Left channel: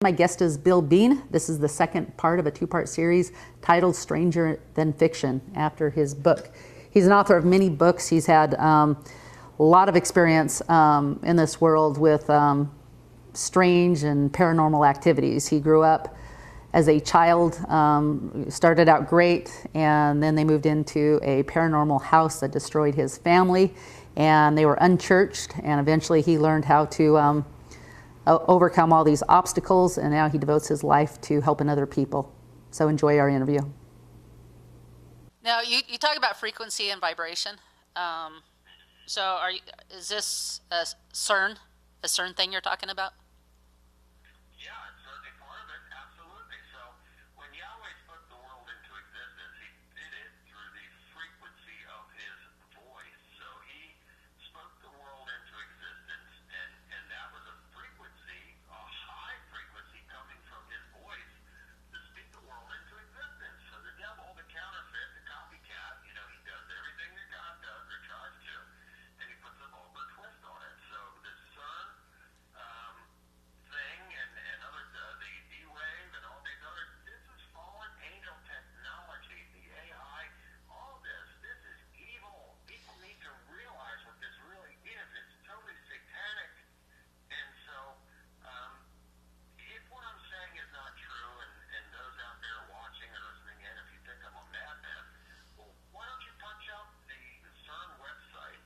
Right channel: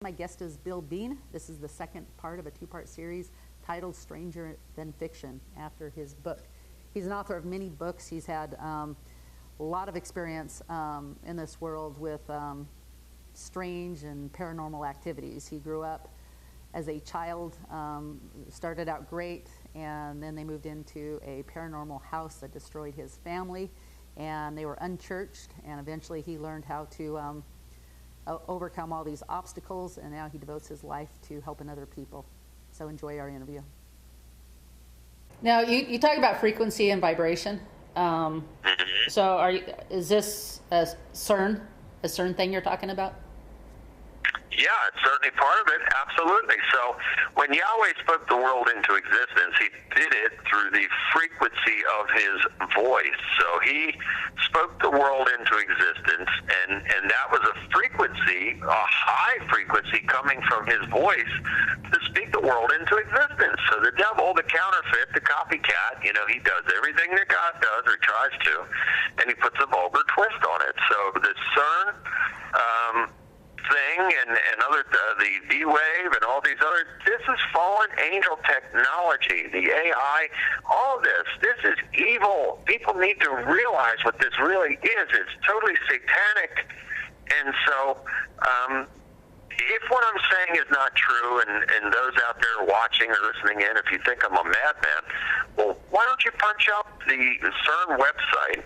My guest is Bill Bean. This is the second part of a two-part series titled Stranger Than Fiction, after his book. He's an author of many books. He's had a lot of experience in this world with strange and paranormal activities. He grew up as a child, started out great, and then they moved into a paranormal house that destroyed his family, and they were unchurched, and eventually he learned how to overcome all these obstacles, and now he devotes his life to helping other people. So enjoy our interview. Now, you talk about frequency and vibration. So is this a CERN thing you're talking about? Yeah, it's certainly part of it, absolutely. So when Yahweh spoke the world into existence, he did it through the frequency of his voice. So he spoke the world into existence, and that was a frequency, a high frequency coming from his voice to speak the world into existence. So the devil, the counterfeit, the copycat, he does everything that God does, or tries to, and he puts a vulgar twist on it. So the CERN thing and other the D-Wave and all these other, this is fallen angel technology, the AI, all of this is evil. People need to realize what this really is. It's totally satanic. And so if what I'm saying is not true, and those out there watching or listening in, if you think I'm a madman, well, why don't you punch up the CERN website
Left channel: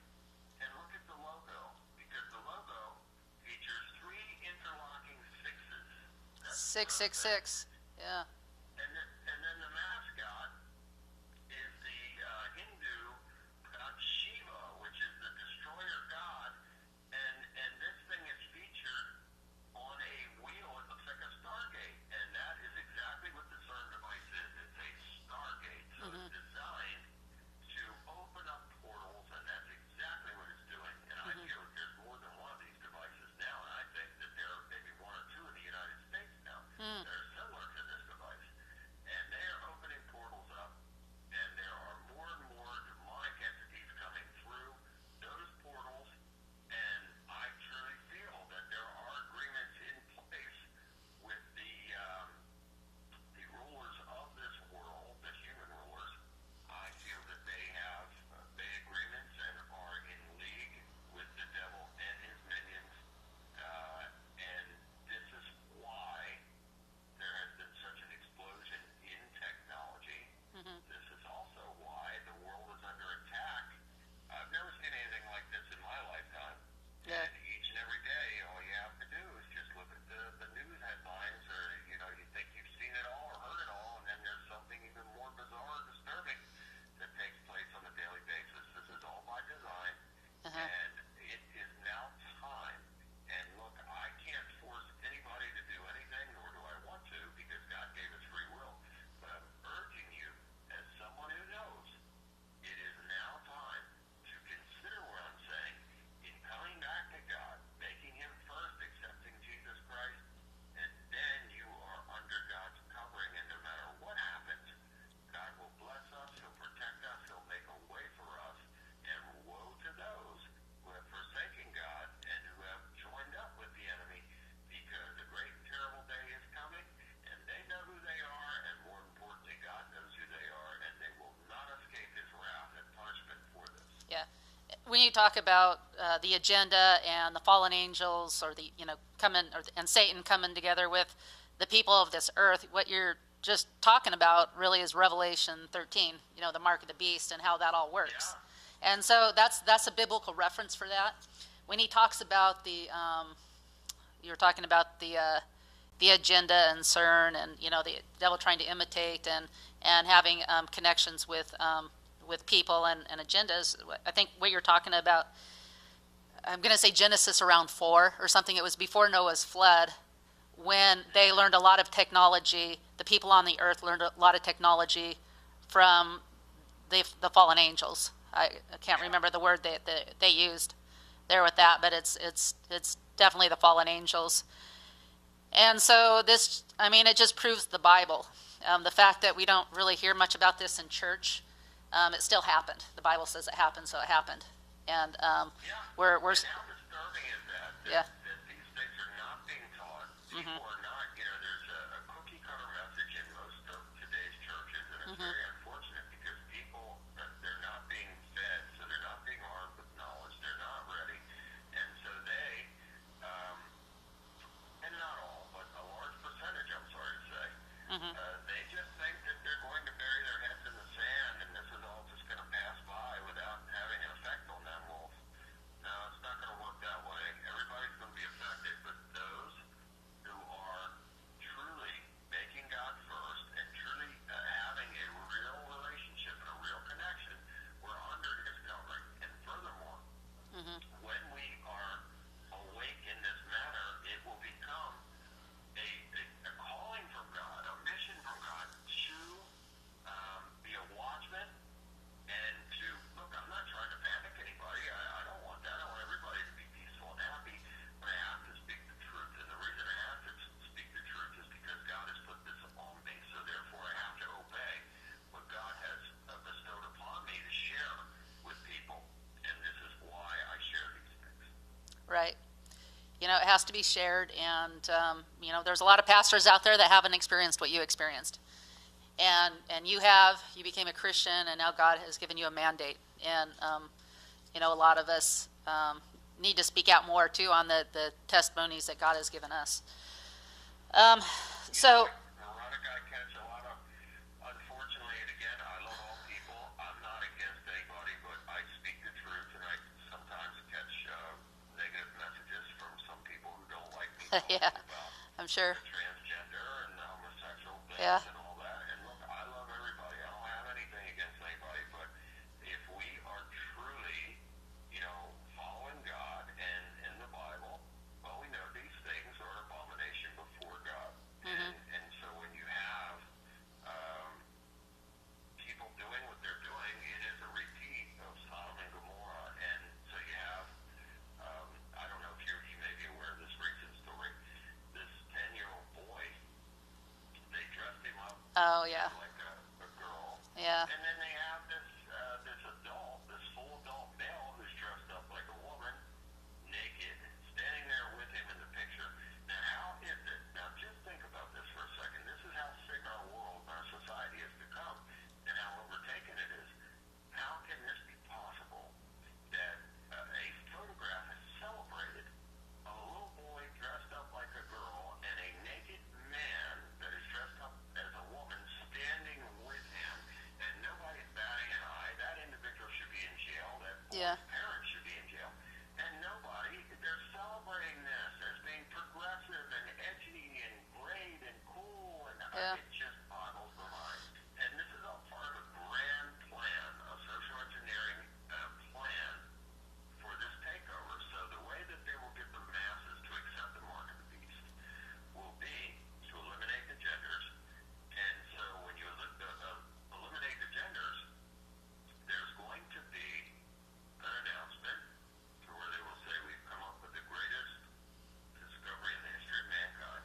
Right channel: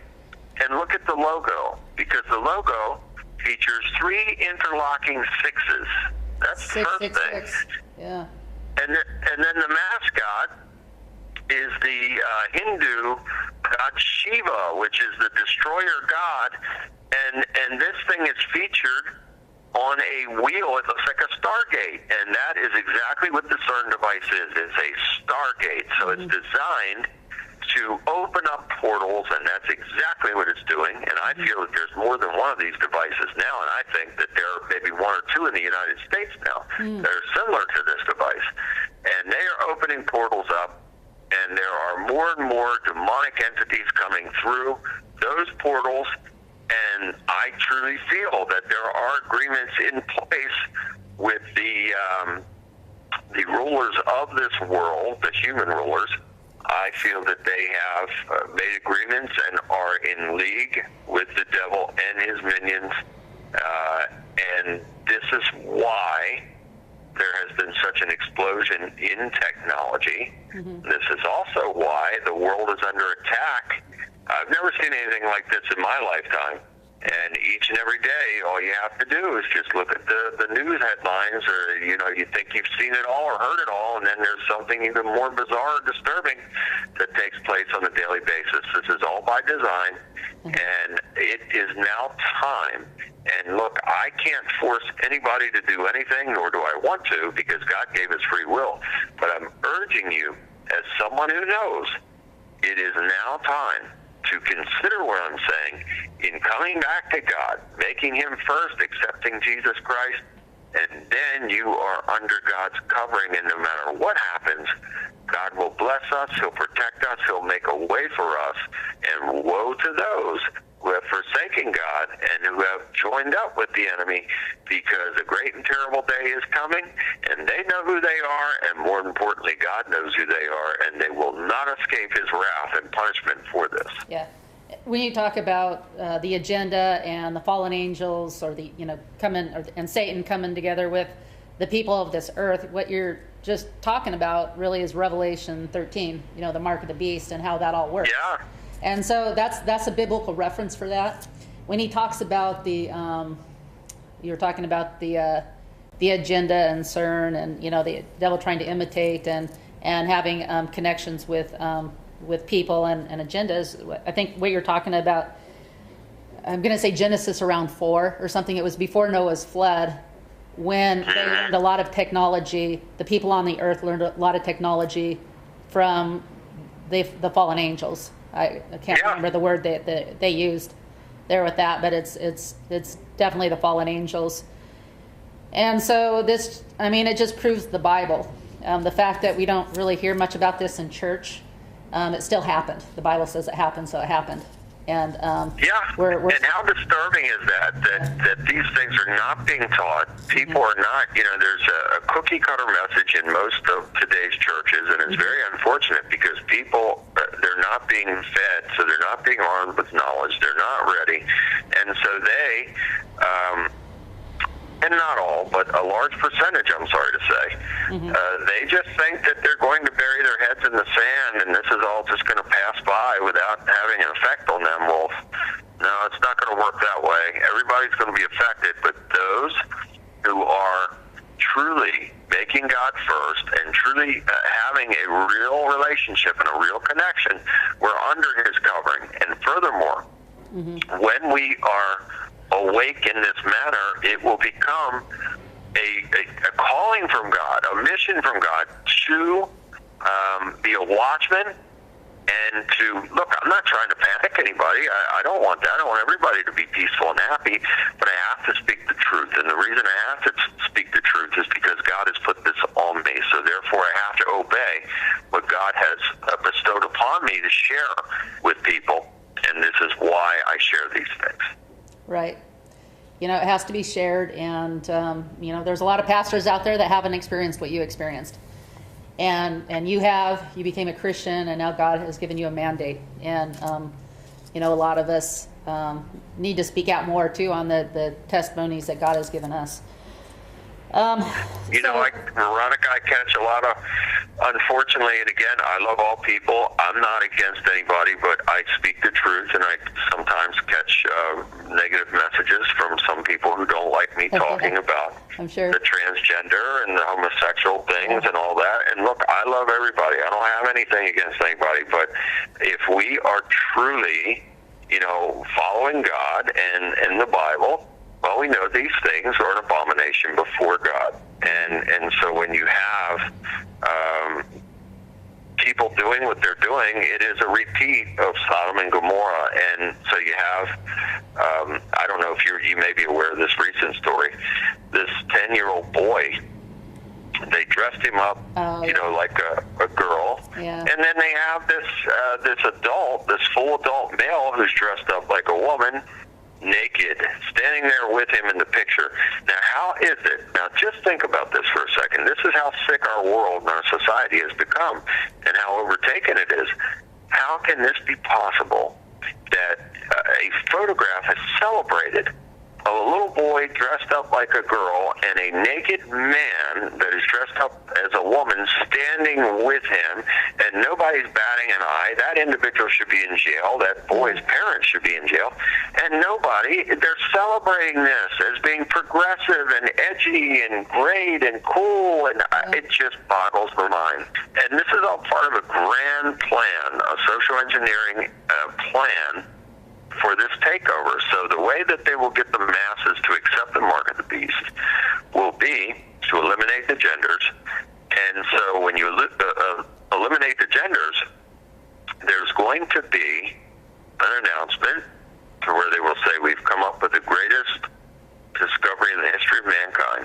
and look at the logo, because the logo features 3 interlocking sixes. That's the first thing. 666. Yeah. And then the mascot is the Hindu god Shiva, which is the destroyer god. And this thing is featured on a wheel. It looks like a Stargate, and that is exactly what the CERN device is. It's a Stargate. So it's designed to open up portals, and that's exactly what it's doing. And I feel that there's more than one of these devices now, and I think that there are maybe 1 or 2 in the United States now that are similar to this device. And they are opening portals up, and there are more and more demonic entities coming through those portals. And I truly feel that there are agreements in place with the rulers of this world, the human rulers. I feel that they have made agreements and are in league with the devil and his minions. And this is why there has been such an explosion in technology. This is also why the world is under attack. I've never seen anything like this in my lifetime. And each and every day, all you have to do is just look at the news headlines, or, you think you've seen it all or heard it all, and then there's something even more bizarre or disturbing that takes place on a daily basis. This is all by design, and it is now time. And look, I can't force anybody to do anything, nor do I want to, because God gave us free will. But I'm urging you, as someone who knows, it is now time to consider what I'm saying in coming back to God, making him first, accepting Jesus Christ, and then you are under God's covering, and no matter what happens, God will bless us, he'll protect us, he'll make a way for us, and woe to those who have forsaken God and who have joined up with the enemy, because a great and terrible day is coming, and they know who they are, and more importantly, God knows who they are, and they will not escape his wrath and punishment for this. Yeah. When you talk about the agenda and the fallen angels, or the and Satan coming together with the people of this earth, what you're just talking about really is Revelation 13. The mark of the beast and how that all works. Yeah. And so that's a biblical reference for that. When he talks about you were talking about the agenda and CERN, and the devil trying to imitate and having connections with people and agendas. I think what you're talking about, I'm going to say Genesis around 4 or something. It was before Noah's flood, when they learned a lot of technology. The people on the earth learned a lot of technology from the fallen angels. I can't remember the word that they used there with that, but it's definitely the fallen angels. And so it just proves the Bible. The fact that we don't really hear much about this in church, it still happened. The Bible says it happened, so it happened. And Yeah, we're and how disturbing is that these things are not being taught. People are not, there's a cookie cutter message in most of today's churches, and it's very unfortunate because people, they're not being fed, so they're not being armed with knowledge, they're not ready, and so they, and not all, but a large percentage, I'm sorry to say, they just think that they're going to bury their heads in the sand and this is all just going to pass by without having an effect on them. Well, no, it's not going to work that way. Everybody's going to be affected, but those who are truly making God first and truly having a real relationship and a real connection, we're under his covering. And furthermore, when we are awake in this manner, it will become a calling from God, a mission from God to be a watchman and to, look, I'm not trying to panic anybody. I don't want that. I want everybody to be peaceful and happy, but I have to speak the truth. And the reason I have to speak the truth is because God has put this on me. So therefore I have to obey what God has bestowed upon me to share with people. And this is why I share these things. right. It has to be shared, and there's a lot of pastors out there that haven't experienced what you experienced, and you became a Christian, and now God has given you a mandate, and a lot of us need to speak out more too on the testimonies that God has given us. Veronica, I catch a lot of, unfortunately, and again, I love all people. I'm not against anybody, but I speak the truth, and I sometimes catch negative messages from some people who don't like me talking about I'm sure. the transgender and the homosexual things and all that. And look, I love everybody. I don't have anything against anybody, but if we are truly, following God and the Bible, well, we know these things are an abomination before God. And so when you have people doing what they're doing, it is a repeat of Sodom and Gomorrah. And so you have, I don't know if you may be aware of this recent story, this 10-year-old boy, they dressed him up, like a girl. Yeah. And then they have this adult, this full adult male who's dressed up like a woman, naked, standing there with him in the picture. Now, how is it? Now, just think about this for a second. This is how sick our world and our society has become and how overtaken it is. How can this be possible that a photograph is celebrated of a little boy dressed up like a girl and a naked man that is dressed up as a woman standing with him, and nobody's batting an eye? That individual should be in jail. That boy's parents should be in jail. And they're celebrating this as being progressive and edgy and great and cool, and it just boggles the mind. And this is all part of a grand plan, a social engineering plan for this takeover. So the way that they will get the masses to accept the mark of the beast will be to eliminate the genders. And so when you eliminate the genders, there's going to be an announcement to where they will say, we've come up with the greatest discovery in the history of mankind,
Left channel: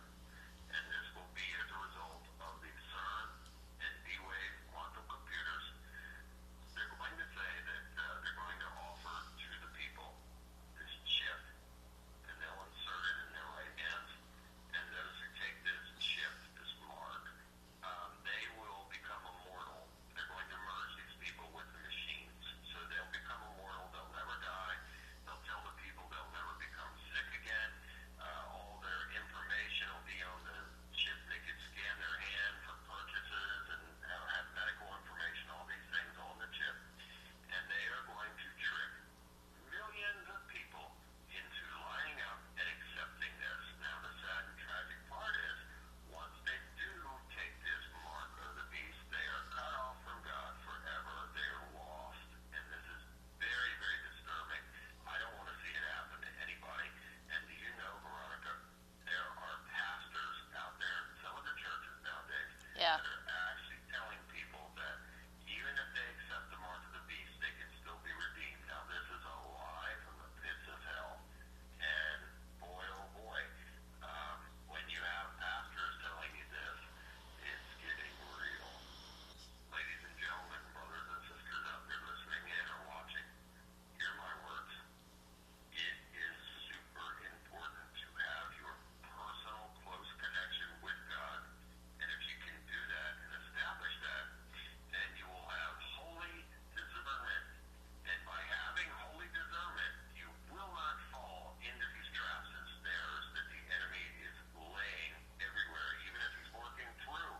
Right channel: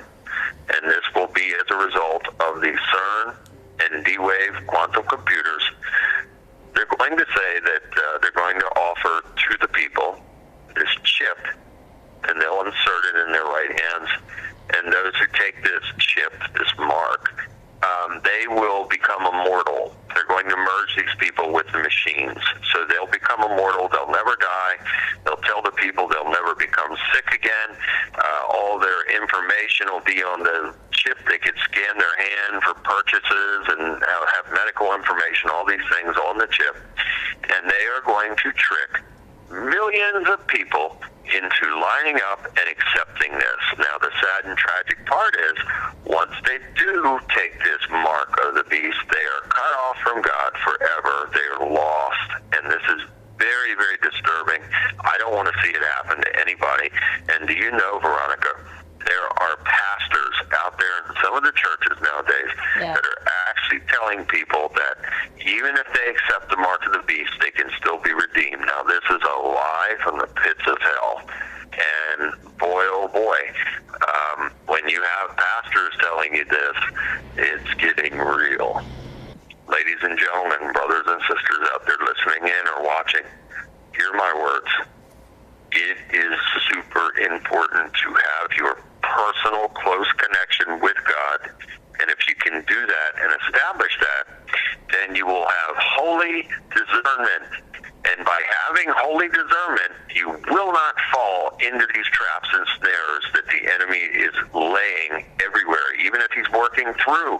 and this will be as a result of the CERN and D-Wave quantum computers. They're going to say that they're going to offer to the people this chip, and they'll insert it in their right hands. And those who take this chip, this mark, they will become immortal. They're going to merge these people with the machines. So they'll become immortal. They'll never die. They'll tell the people they'll never become sick again. All their information will be on the chip. They could scan their hand for purchases and have medical information, all these things on the chip. And they are going to trick millions of people into lining up and accepting this. Now, the sad and tragic part is, once they do take this mark of the beast, they are cut off from God forever. They are lost. And this is very, very disturbing. I don't want to see it happen to anybody. And do you know, Veronica, there are pastors out there in some of the churches nowadays that are actually telling people that even if they accept the mark of the beast, they can still be redeemed. Now, this is a lie from the pits of hell. And boy, oh boy, when you have pastors telling you this, it's getting real. Ladies and gentlemen, brothers and sisters out there listening in or watching, hear my words. It is super important to have your personal, close connection with God. And if you can do that and establish that, then you will have holy discernment. And by having holy discernment, you will not fall into these traps and snares that the enemy is laying everywhere. Even if he's working through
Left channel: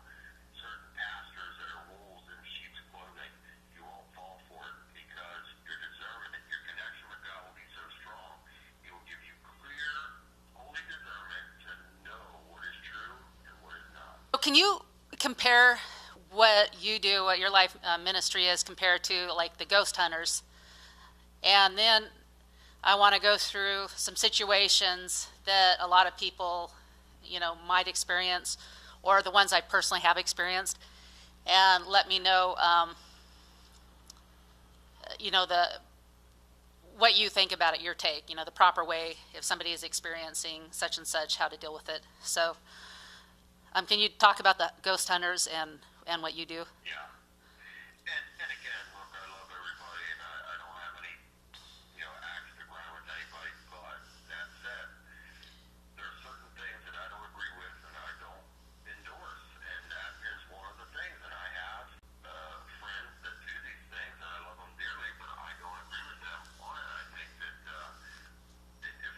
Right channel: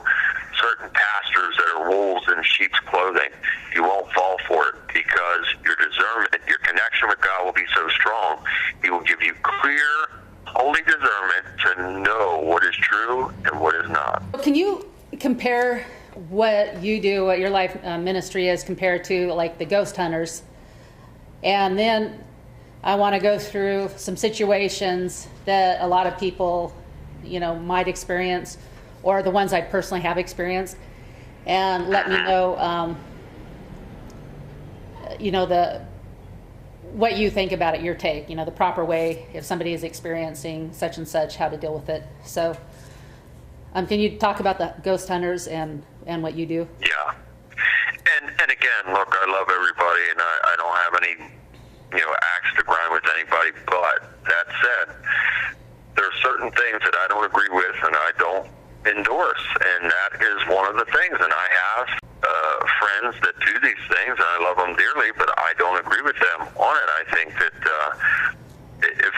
certain pastors that are wolves in sheep's clothing, you won't fall for it, because your discernment, your connection with God will be so strong. He will give you clear, holy discernment to know what is true and what is not. Can you compare what you do, what your life ministry is, compared to like the ghost hunters? And then I want to go through some situations that a lot of people, might experience, or the ones I personally have experienced, and let me know, what you think about it, your take, the proper way if somebody is experiencing such and such, how to deal with it. So, can you talk about the ghost hunters and what you do? Yeah. And again, look, I love everybody, and I don't have any, axe to grind with anybody. But that said, there are certain things that I don't agree with and I don't endorse, and that is one of the things. And I have friends that do these things, and I love them dearly, but I don't agree with them on it. I think that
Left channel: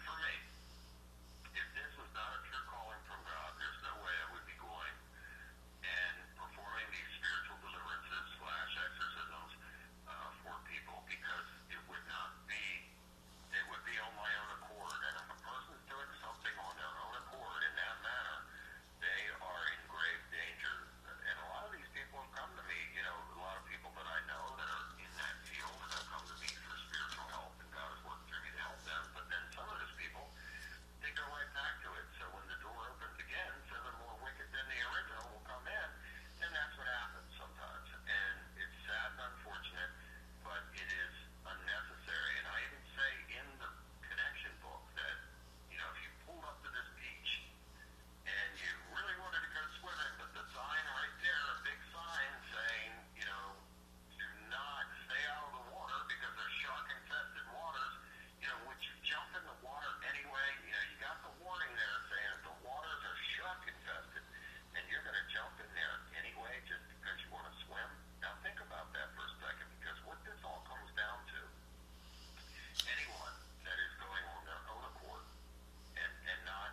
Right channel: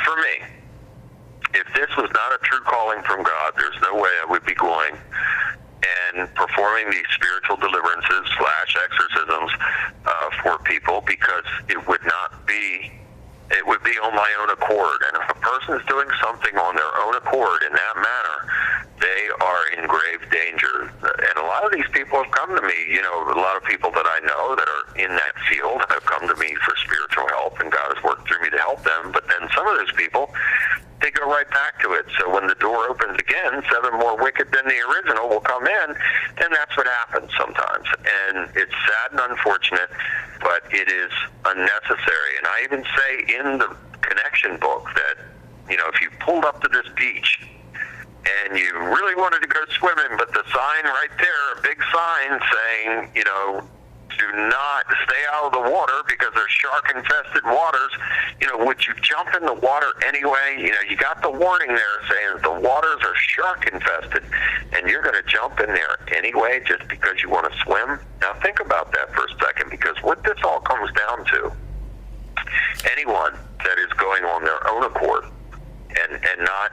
for me, if this was not a true calling from God, there's no way I would be going and performing these spiritual deliverances / exorcisms for people, because it would be on my own accord. And if a person is doing something on their own accord in that manner, they are in grave danger. And a lot of these people have come to me, a lot of people that I know that are in that field have come to me for spiritual help, and God has worked through me to help them. But then some of those people, they go right back to it. So when the door opens again, 7 more wicked than the original will come in, and that's what happens sometimes. And it's sad and unfortunate, but it is unnecessary. And I even say in the connection book that, if you pulled up to this beach and you really wanted to go swimming, but the sign right there, a big sign saying, do not stay out of the water because there's shark-infested waters, would you jump in the water anyway? You got the warning there saying the waters are shark-infested, and you're going to jump in there anyway just because you want to swim? Now think about that for a second, because what this all comes down to, anyone that is going on their own accord and not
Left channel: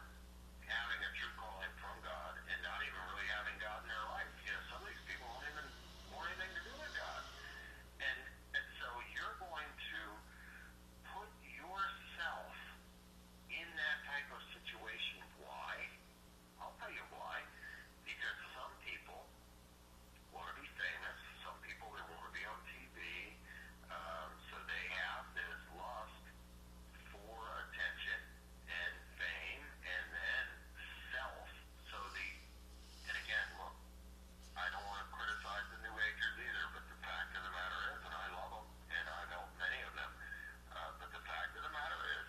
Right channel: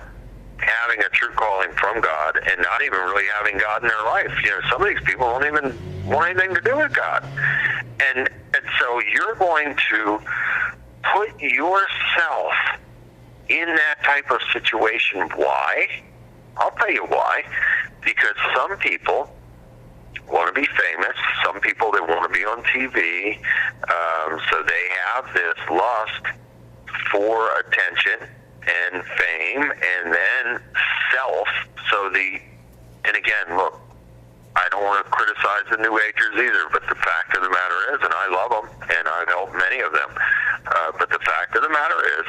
having a true calling from God, and not even really having God in their life. Some of these people don't even want anything to do with God. And so you're going to put yourself in that type of situation. Why? I'll tell you why. Because some people want to be famous. Some people, they want to be on TV. So they have this lust for attention and fame, and then self. And again, look, I don't want to criticize the New Agers either, but the fact of the matter is, and I love them, and I've helped many of them, but the fact of the matter is,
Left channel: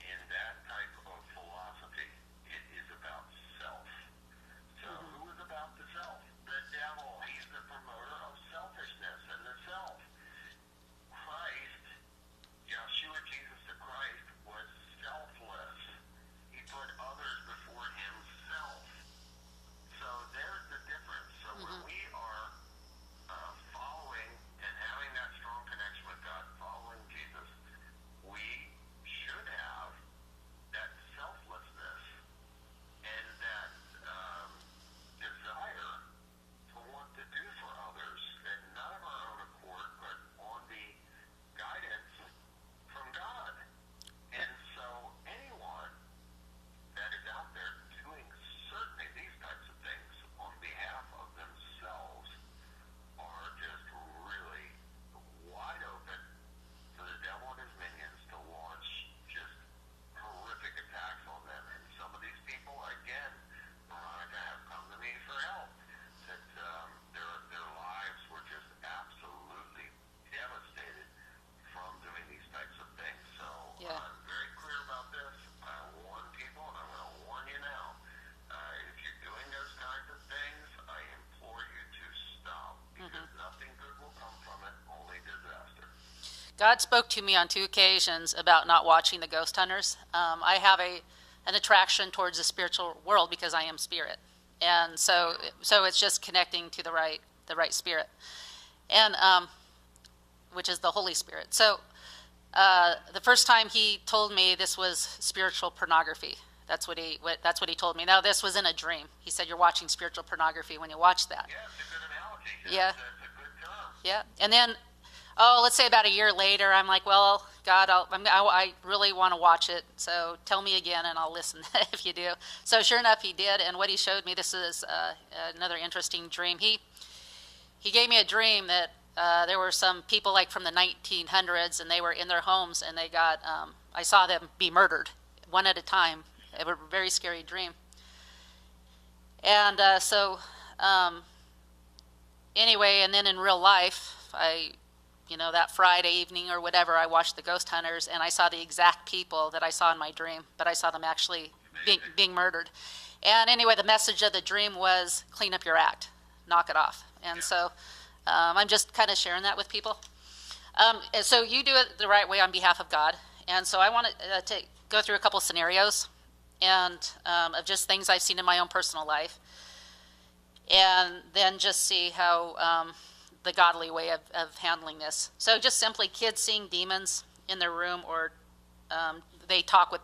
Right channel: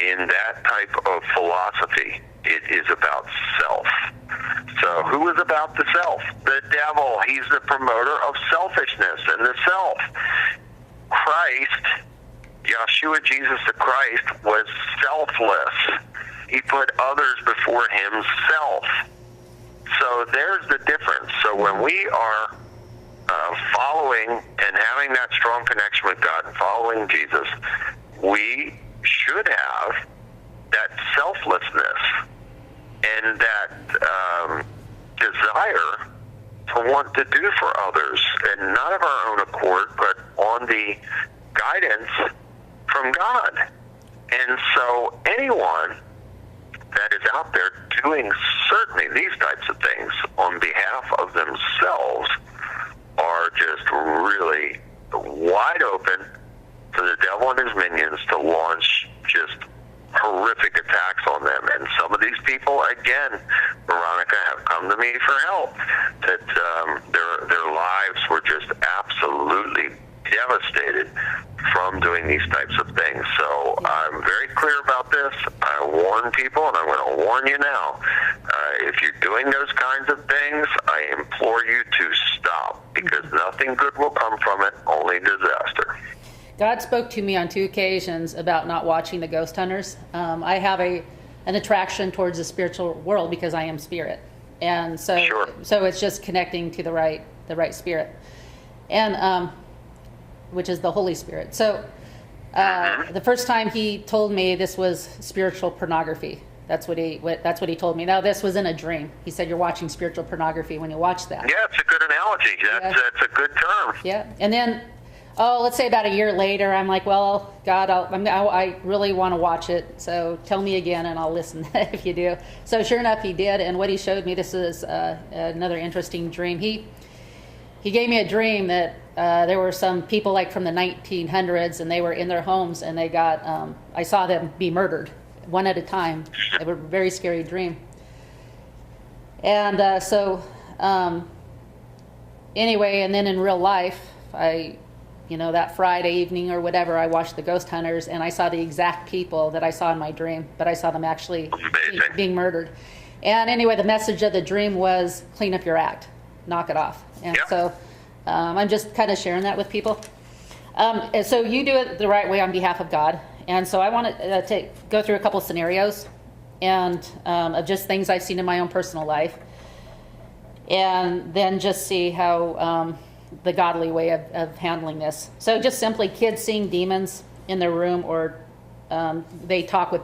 in that type of philosophy, it is about self. So who is about the self? The devil. He's the promoter of selfishness and the self. Christ, Yeshua, Jesus the Christ, was selfless. He put others before himself. So there's the difference. So when we are following and having that strong connection with God and following Jesus, we should have that selflessness and that desire to want to do for others, and not of our own accord, but on the guidance from God. And so anyone that is out there doing certainly these types of things on behalf of themselves are just really wide open for the devil and his minions to launch just horrific attacks on them. And some of these people, again, Veronica, have come to me for help, that their lives were just absolutely devastated from doing these types of things. So I'm very clear about this. I warn people, and I'm going to warn you now. If you're doing those kinds of things, I implore you to stop, because nothing good will come from it, only disaster. God spoke to me on 2 occasions about not watching the ghost hunters. I have an attraction towards the spiritual world because I am spirit, and Sure. so it's just connecting to the right spirit, and which is the Holy Spirit. So the first time he told me this was spiritual pornography. That's what he told me. Now this was in a dream. He said you're watching spiritual pornography when you watch that. Yeah, it's a good analogy. That's a good term. Yeah, and then, let's say about a year later, I'm like, well, God, I really want to watch it, so tell me again, and I'll listen if you do. So sure enough, he did, and what he showed me, this is another interesting dream. He gave me a dream that there were some people like from the 1900s, and they were in their homes, and they got, I saw them be murdered, one at a time. It was a very scary dream. And anyway, and then in real life, that Friday evening or whatever, I watched the Ghost Hunters, and I saw the exact people that I saw in my dream, but I saw them actually being murdered. And anyway, the message of the dream was clean up your act, knock it off. And so I'm just kind of sharing that with people. And so you do it the right way on behalf of God. And so I want to go through a couple scenarios and of just things I've seen in my own personal life, and then just see how the godly way of handling this. So just simply kids seeing demons in their room, or they talk with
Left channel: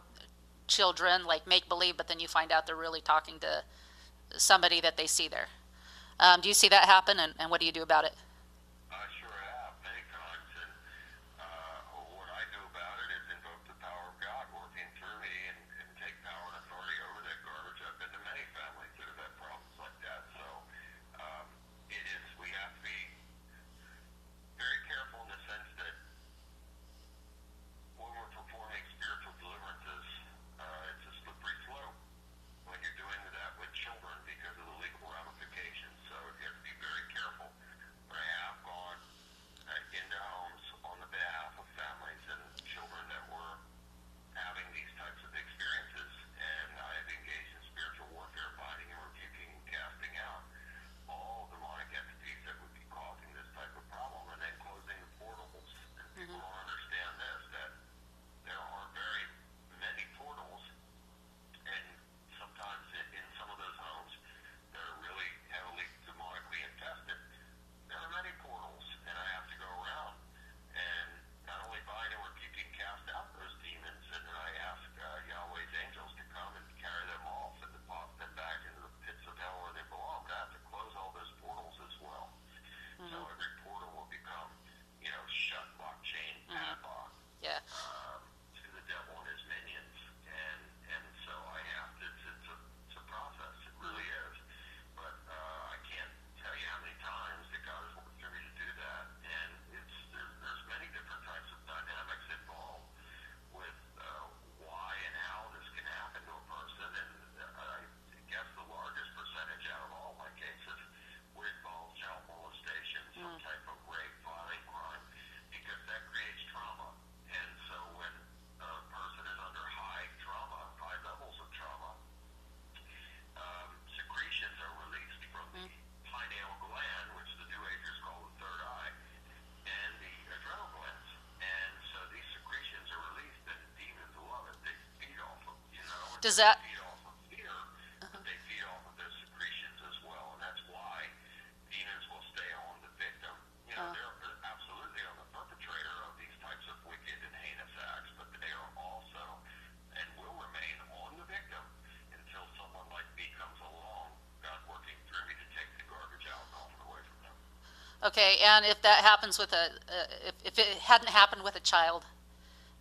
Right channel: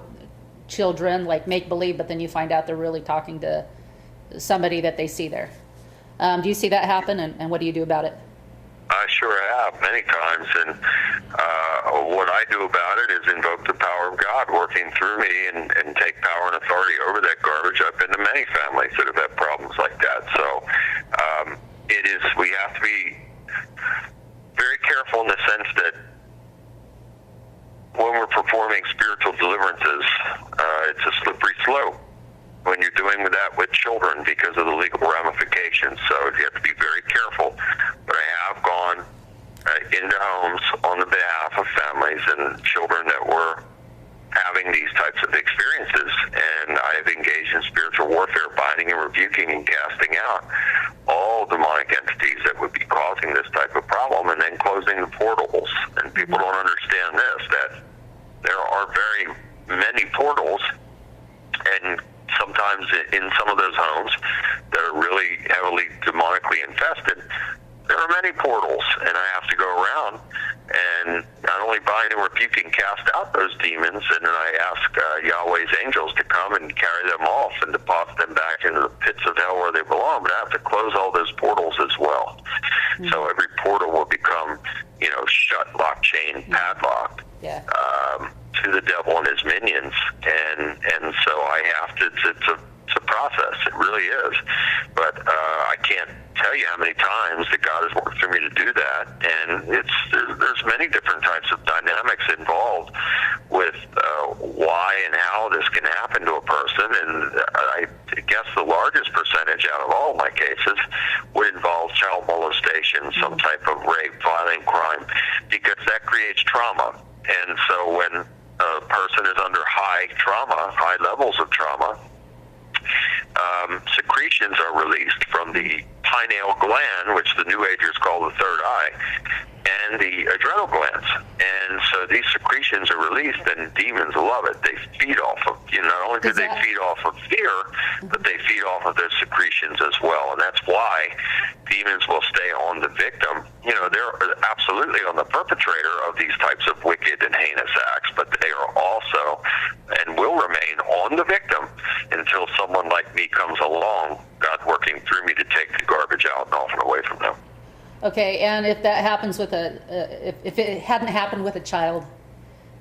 children, like make-believe, but then you find out they're really talking to somebody that they see there. Do you see that happen, and what do you do about it? I sure have, many times, and what I do about it is invoke the power of God working through me and take power and authority over that garbage. I've been to many families that have had problems like that. So we have to be very careful in the sense that when we're performing spiritual deliverances, it's a slippery slope when you're doing that with children because of the legal ramifications. So you have to be very careful. But I have gone into homes on the behalf of families and children that were having these types of experiences, and I have engaged in spiritual warfare, binding and rebuking and casting out all demonic entities that would be causing this type of problem, and then closing the portals. And people don't understand this, that there are very many portals, and sometimes in some of those homes that are really heavily demonically infested, there are many portals, and I have to go around and not only bind and rebuke and cast out those demons, and then I ask Yahweh's angels to come and carry them off and deposit them back into the pits of hell where they belong, but I have to close all those portals as well. Mm-hmm. So every portal will become, shut, locked, chained, padlocked. Yeah. To the devil and his minions, and so I have to. It's a process. It really is. But I can't tell you how many times that God has worked through me to do that, and there's many different types of dynamics involved with why and how this can happen to a person, and I guess the largest percentage out of all my cases would involve child molestation, some type of rape, violent crime, because that creates trauma. And so when a person is under high levels of trauma, secretions are released from the pineal gland, which the New Agers call the third eye, and the adrenal glands. And so these secretions are released, and demons love it. They feed off of, not only do they feed off of fear, but they feed off of those secretions as well. And that's why demons will stay on the victim. They're absolutely on the perpetrator of these types of wicked and heinous acts, but they are also and will remain on the victim until someone like me comes along, God working through me to take the garbage out and off and away from them. Okay, and if that happens with if it hadn't happened with a child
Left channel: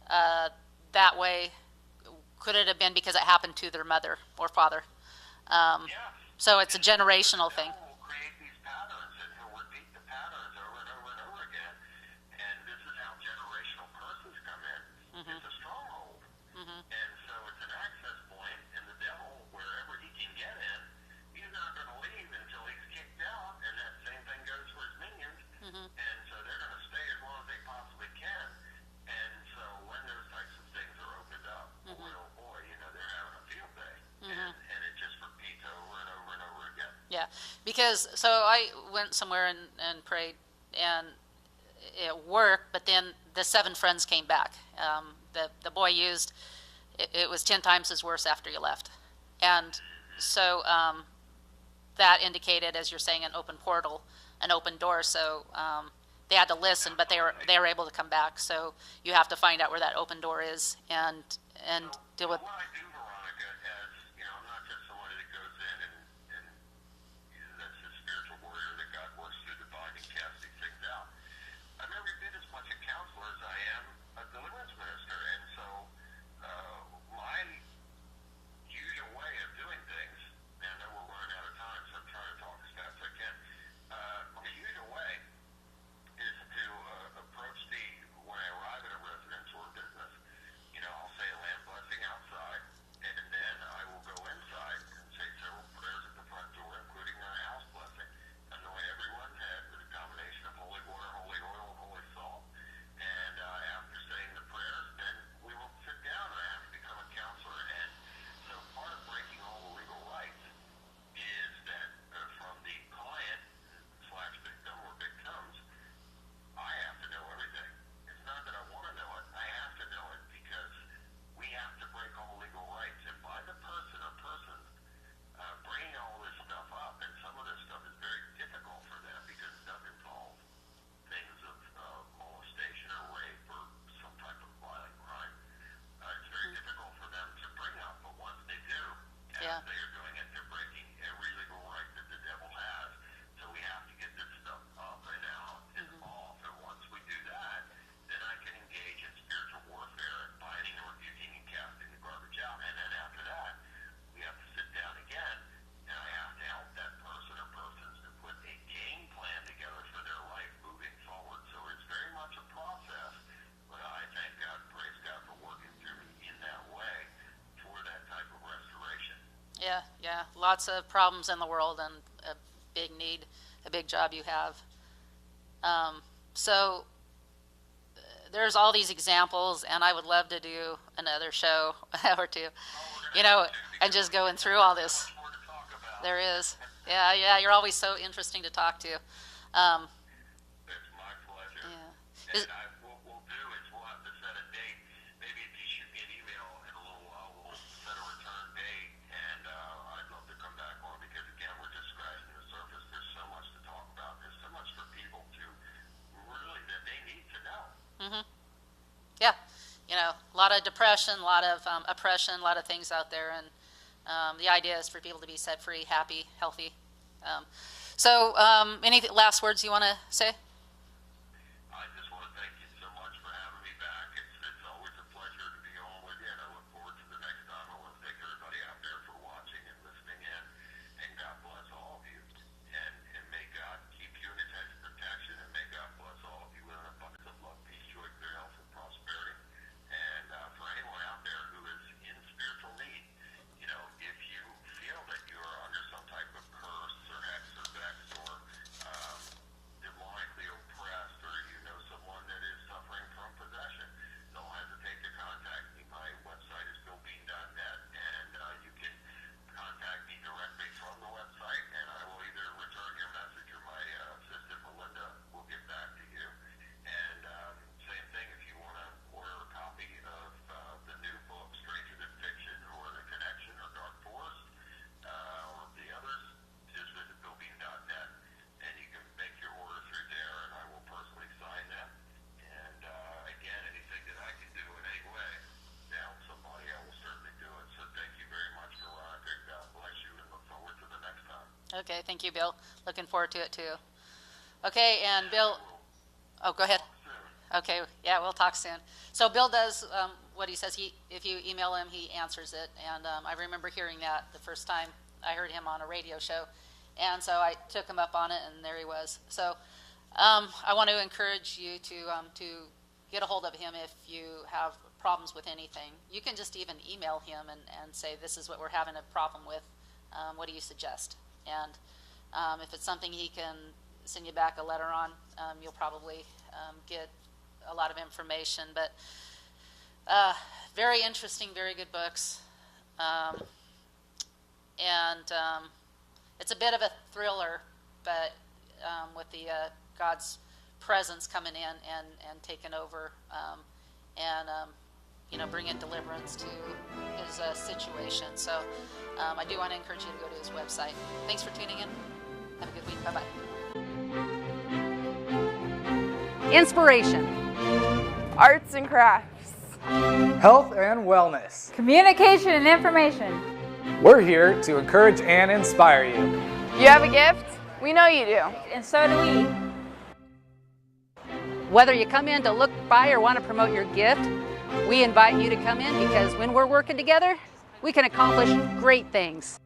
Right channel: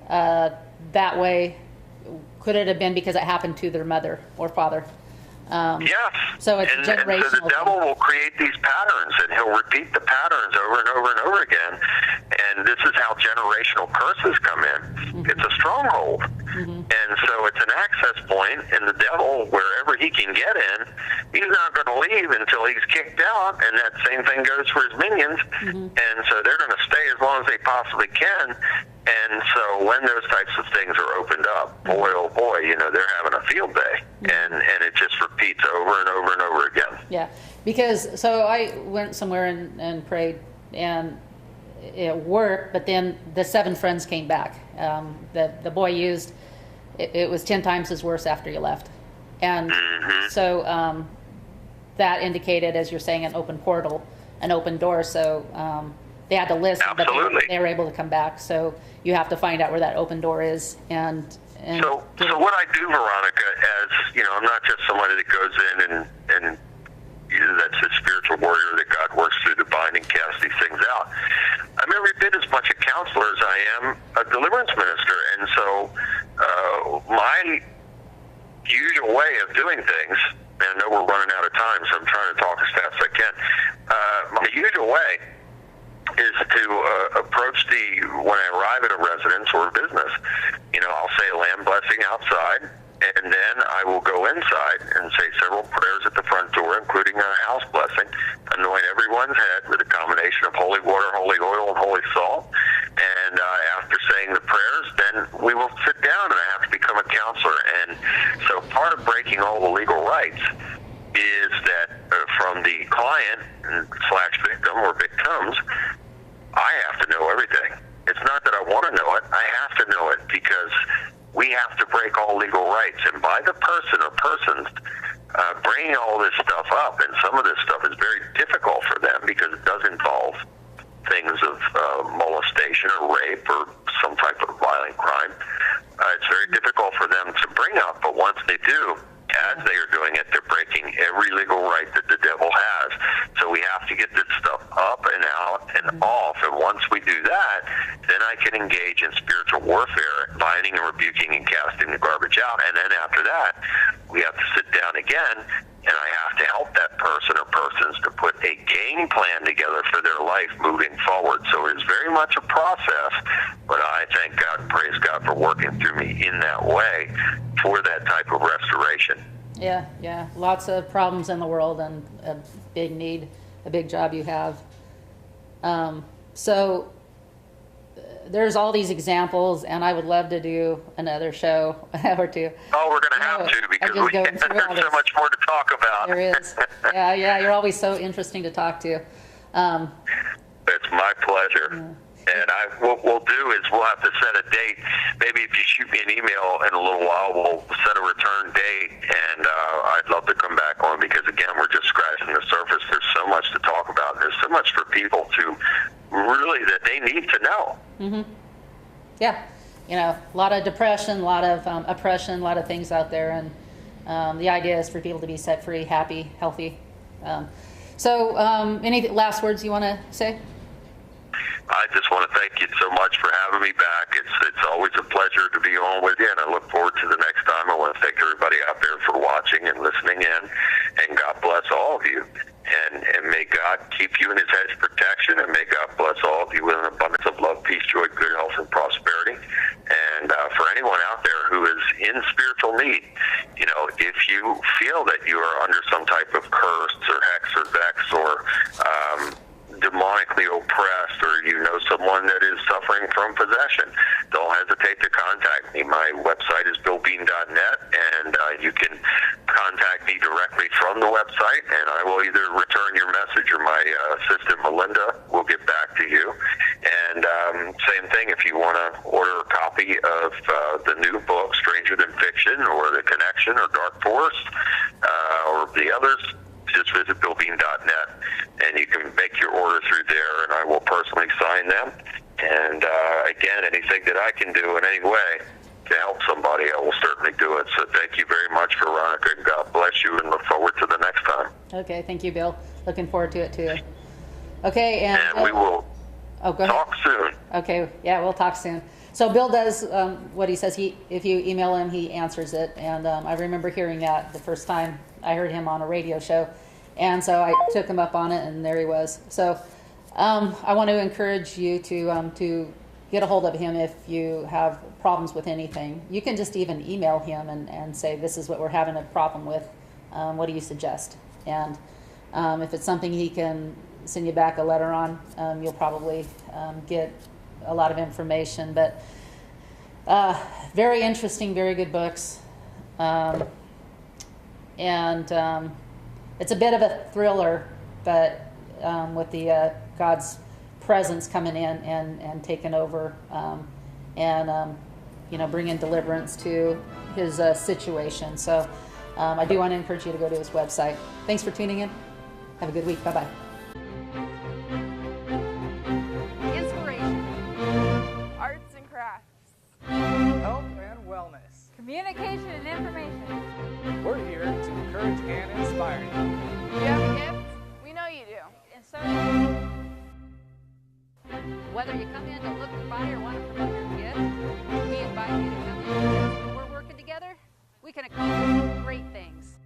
that way, could it have been because it happened to their mother or father? Yes. So it's generational. And so the devil will create these patterns, and he'll repeat the patterns over and over and over again. And this is how generational curses come in. Mm-hmm. It's a stronghold. Mm-hmm. And so it's an access point, and the devil, wherever he can get in, he's not going to leave until he's kicked out, and that same thing goes for his minions. Mm-hmm. And so they're going to stay as long as they possibly can. And so when those types of things are opened up, boy, oh boy, they're having a field day. Mm-hmm. And it just repeats over and over and over again. Yeah, because so I went somewhere and prayed, and it worked, but then the 7 friends came back. The boy used, it was 10 times as worse after you left. And so that indicated, as you're saying, an open portal, an open door. So they had to listen, but they were able to come back. So you have to find out where that open door is. And so what I do, Veronica, as you know, I'm not just somebody that goes in and that's a spiritual warrior that God works through to bind and cast these things out. I'm every bit as much a counselor as I am a deliverance minister, and so my usual way of doing things, and I know we're running out of time, so I'm trying to talk as fast as I can. My usual way is to approach when I arrive at a residence or a business, you know, I'll say a land blessing outside, and then I will go inside and say several prayers at the front door, including a house blessing, anoint everyone's head with a combination of holy water, holy oil, and holy salt. And after saying the prayers, then we will sit down, and I have to become a counselor. And so part of breaking all the legal rights is that from the client / victim or victims, I have to know everything. It's not that I want to know it. I have to know it because we have to break all legal rights. And by the person or persons bringing all this stuff up, and some of this stuff is very difficult for them because it does involve things of molestation or rape or some type of violent crime. It's very difficult for them to bring up, but once they do, as they are doing it, they're breaking every legal right that the devil has. So we have to get this stuff up and out and off, and once we do that, then I can engage in spiritual warfare, binding and rebuking and casting the garbage out. And then after that, we have to sit down again, and I have to help that person or persons to put a game plan together for their life moving forward. So it is very much a process, but I thank God and praise God for working through me in that way for that type of restoration. Yeah. Lots of problems in the world and a big need, a big job you have. So there's all these examples, and I would love to do another show or two. Oh, we're going to have to, because just going through all this. There's so much more to talk about. There is. Yeah, you're always so interesting to talk to. It's my pleasure. Yeah. And what we'll do is we'll have to set a date. Maybe if you shoot me an email in a little while, we'll set a return date, and I'd love to come back on, because, again, we're just scratching the surface. There's so much to talk about. There's so much for people to really that they need to know. Mm-hmm. Yeah. You know, a lot of depression, a lot of oppression, a lot of things out there, and the idea is for people to be set free, happy, healthy. So any last words you want to say? I just want to thank you so much for having me back. It's always a pleasure to be on with you, and I look forward to the next time. I want to thank everybody out there for watching and listening in, and God bless all of you. And may God keep you in his hedge of protection, and may God bless all of you with an abundance of love, peace, joy, good health, and prosperity. And for anyone out there who is in spiritual need, you know, if you feel that you are under some type of curse or hex or vex or demonically oppressed, or you know someone that is suffering from possession, don't hesitate to contact me. My website is billbean.net, and you can contact me directly from the website, and I will either return your message or my assistant Melinda will get back to you. And same thing, if you want to order a copy of the new book, Stranger Than Fiction, or The Connection, or Dark Forest, or the others, just visit billbean.net, and you can make your order through there, and I will personally sign them. And again, anything that I can do in any way to help somebody, I will certainly do it. So thank you very much, Veronica, and God bless you, and look forward to the next time. Okay, thank you, Bill. Looking forward to it too. Okay, and Bill, we will go ahead. talk soon. Okay, yeah, we'll talk soon. So Bill does what he says. If you email him, he answers it. And I remember hearing that the first time I heard him on a radio show. And so I took him up on it, and there he was. So I want to encourage you to get a hold of him if you have problems with anything. You can just even email him and say, this is what we're having a problem with. What do you suggest? And if it's something he can send you back a letter on, you'll probably get a lot of information. But very interesting, very good books. It's a bit of a thriller, but with the God's presence coming in and taking over, you know, bringing deliverance to his situation. So I do want to encourage you to go to his website. Thanks for tuning in. Have a good week. Bye-bye. Inspiration. Arts and crafts. Health and wellness. Communication and information. We're here to encourage and inspire you. You have a gift? We know you do. And so do we. Whether you come in to look by or want to promote your gift, we invite you to come in because when we're working together, we can accomplish great things.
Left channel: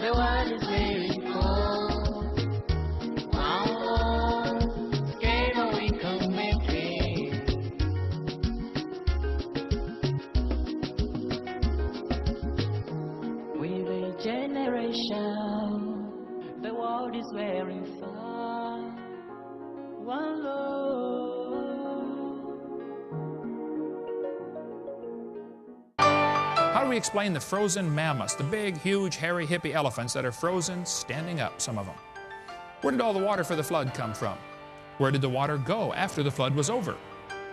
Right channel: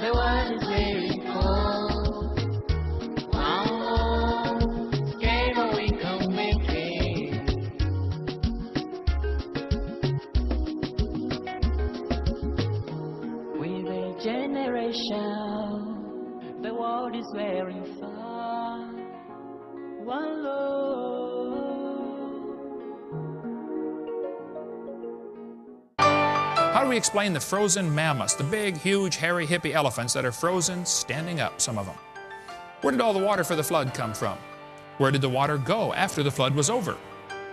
The world is very cold. Wow, scared but we can make it. We're a generation. The world is very far. One love. How do we explain the frozen mammoths, the big, huge, hairy, hippie elephants that are frozen, standing up, some of them? Where did all the water for the flood come from? Where did the water go after the flood was over?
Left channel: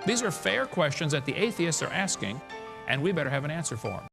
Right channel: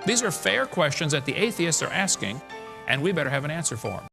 These are fair questions that the atheists are asking, and we better have an answer for them.